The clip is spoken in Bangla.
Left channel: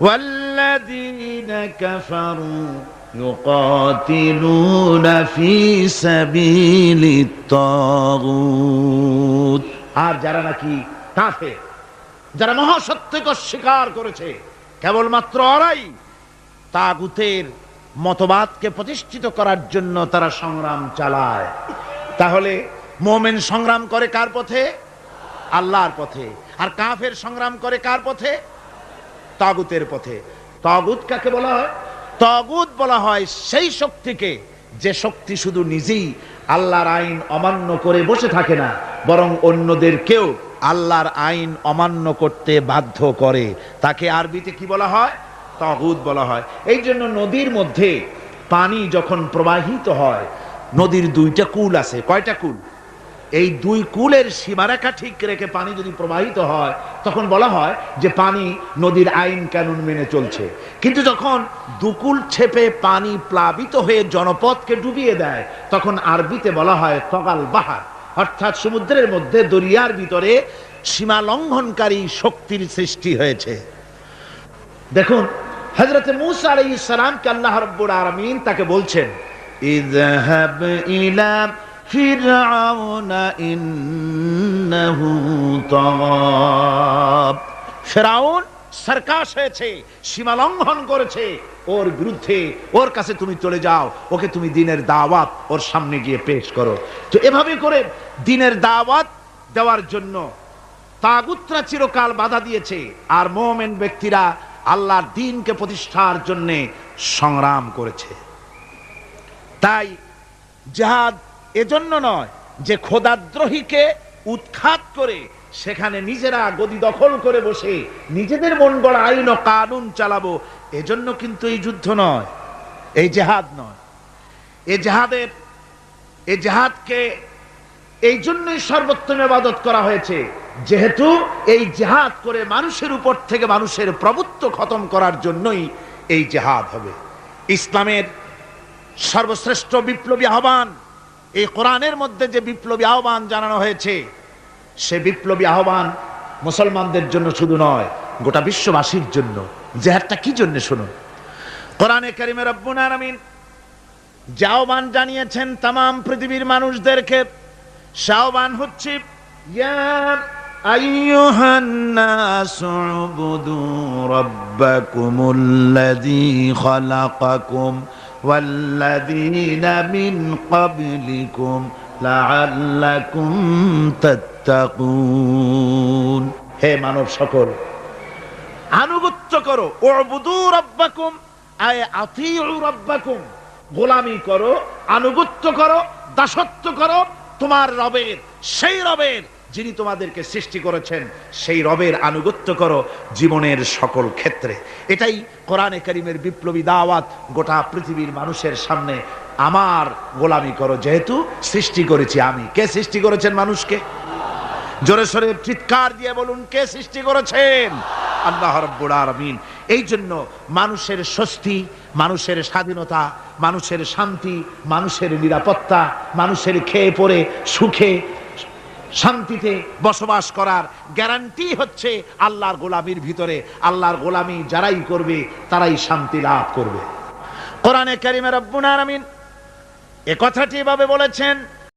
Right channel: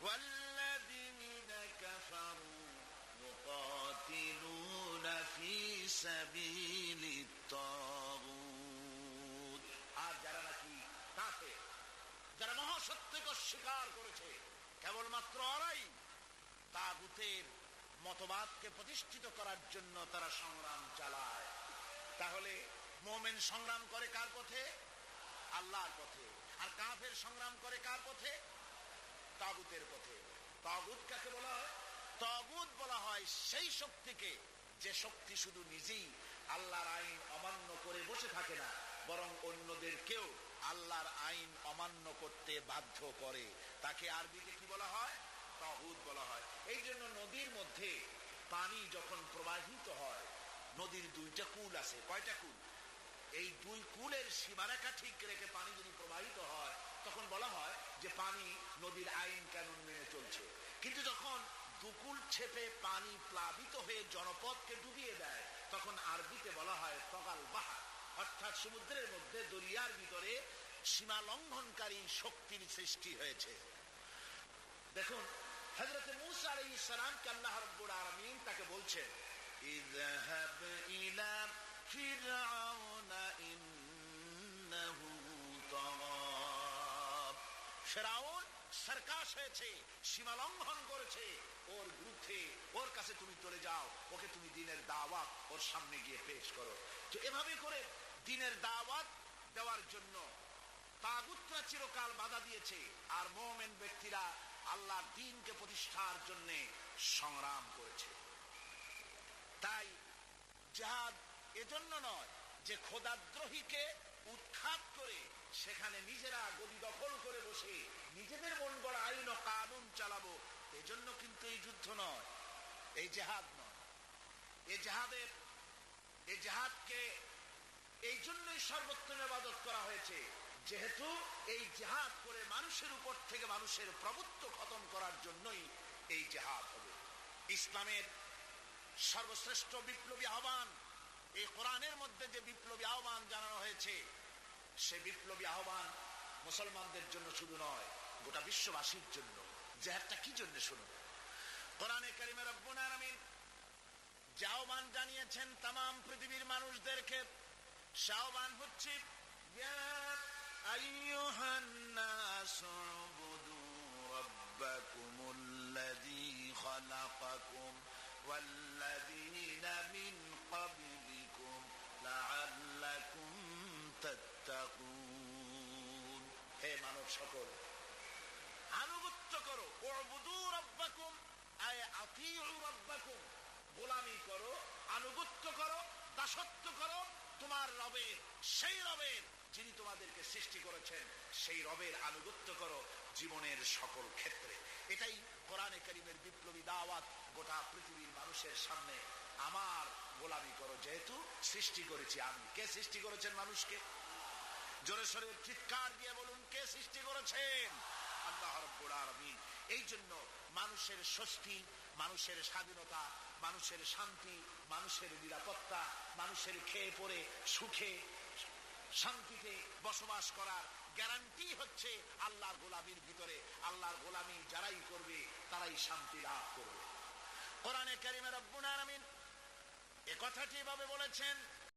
والذين كفروا يقاتلون في سبيل الطاغوت আর যারা নাকি কাফে যারা মহাসত্যকে অস্বীকার করেছে কেবলমাত্র ওরাই তাগুতের মতবাদকে প্রতিষ্ঠিত করার জন্য তারা সংগ্রাম চালায় তাহলে মোমেন সংগ্রাম করে কার পথে আল্লাহর পথে আর কাফের সংগ্রাম করে কার পথে তাগুতের পথে। তাগুত কাকে বলা হয়? তাগুত বলা হয় সেই শক্তিকে যে শক্তি শুধু নিজেই আল্লাহর আইন অমান্য করে বসে থাকে না, বরং অন্যদেরকেও আল্লাহর আইন অমান্য করতে বাধ্য করে। তাকে আরবিতে কি বলা হয়? তাগুত বলা হয়। এই জন্য নদীর মধ্যে পানি যখন প্রবাহিত হয়, নদীর দুইটা কুল আছে। কয়টা কুল? এই দুই কুলের সীমারেখা ঠিক রেখে পানি যদি প্রবাহিত হয়, তখন বলা হয় যে পানি নদীর আইন কানুন মেনে চলছে। কিন্তু যখন দুকুল ছেপে পানি প্লাবিত হয়ে জনপদকে ডুবিয়ে দেয়, তখন আরবিতে বলা হয় তগাল বাহার। অর্থাৎ সমুদ্রের মধ্যে দরিয়ার ভিতরে সীমা লঙ্ঘনকারী শক্তির সৃষ্টি হয়েছে। দেখুন হজরত মুসা সালামকে আল্লাহ রাব্বুল আলামিন তাকে বলছেন ফিরআউন ইন্নাহু তাগাব ফিরআউন সরকাশ হয়েছে, সীমা লঙ্ঘন করেছে। ওর বিরুদ্ধে, ওর কাছে তুমি চলে যাও, ওকে তুমি দিনের দাওয়াত ওর সামনে গিয়ে পেশ করো। তো এভাবে করে দিনের দাওয়াত দেওয়ার জন্য তাগুতরা চিরকাল বাধা দিয়েছে, আর মোমেন ব্যক্তিরা আল্লাহর দিনকে প্রতিষ্ঠার জন্য সংগ্রাম করেছে। তাই জাহাদ এজন্য নয় যে খোদাদ্রোহীকে উৎখাত করে সেখানে নিজেরা গদি দখল করে বসে নিজেদের মন গড়া আইন কানুন চালাবো, এজন্য কিন্তু এই যুদ্ধ নয়, এই জেহাদ নয়। এ জেহাদের, এ জেহাদকে এই জন্যই সর্বোত্তম ইবাদত করা হয়েছে, যেহেতু এই জেহাদ করে মানুষের উপর থেকে মানুষের প্রভুত্ব খতম করার জন্যই এই জেহাদ হবে। ইসলামের সর্বশ্রেষ্ঠ বিপ্লবী আহ্বান এই কোরআনের মধ্যে যে বিপ্লবী আহ্বান জানানো হয়েছে, সে বিপ্লবী আহ্বান মুসলমানদের জন্য শুধু নয়, গোটা বিশ্ববাসীর জন্য। জেহাদটা কি জন্য শুনুন? কোরআনে কারিমের রব্বুল আলামিন যে আহ্বান জানিয়েছেন তাম পৃথিবীর মানুষদেরকে, সে আহ্বান হচ্ছে, ইয়া أيها الناس اعبدوا ربكم الذي خلقكم والذين من قبلكم لعلكم تتقون হে মানব সকল আনুগত্য করো উবুদু রব্বাকুম আয় আতিউ রব্বাকুম গোলামি করো আনুগত্য করো দাসত্ব করো তোমার রবের সেই রবের যিনি তোমাদেরকে সৃষ্টি করেছেন, সেই রবের আনুগত্য করো জীবনের সকল ক্ষেত্রে। এটাই কোরআনে করিমের বিপ্লবী দাওয়াত, গোটা পৃথিবীর মানুষের সামনে আমার গোলামি করো। যেহেতু সৃষ্টি করেছি আমি। কে সৃষ্টি করেছেন মানুষকে? জোরে সোরে চিৎকার দিয়ে বলুন, কে সৃষ্টি করেছেন? আল্লাহ রব্বুল আলামিন। এই জন্য মানুষের স্বস্তি, মানুষের স্বাধীনতা, মানুষের শান্তি, মানুষের নিরাপত্তা, মানুষের খেয়ে পড়ে, সুখে শান্তিতে বসবাস করার গ্যারান্টি হচ্ছে আল্লাহর গোলামির ভিতরে। আল্লাহর গোলামি যারাই করবে, তারাই শান্তি লাভ করবে। কোরআনে কারিমের আব্বুনার আমিন এ কথাটি এভাবে বলেছেন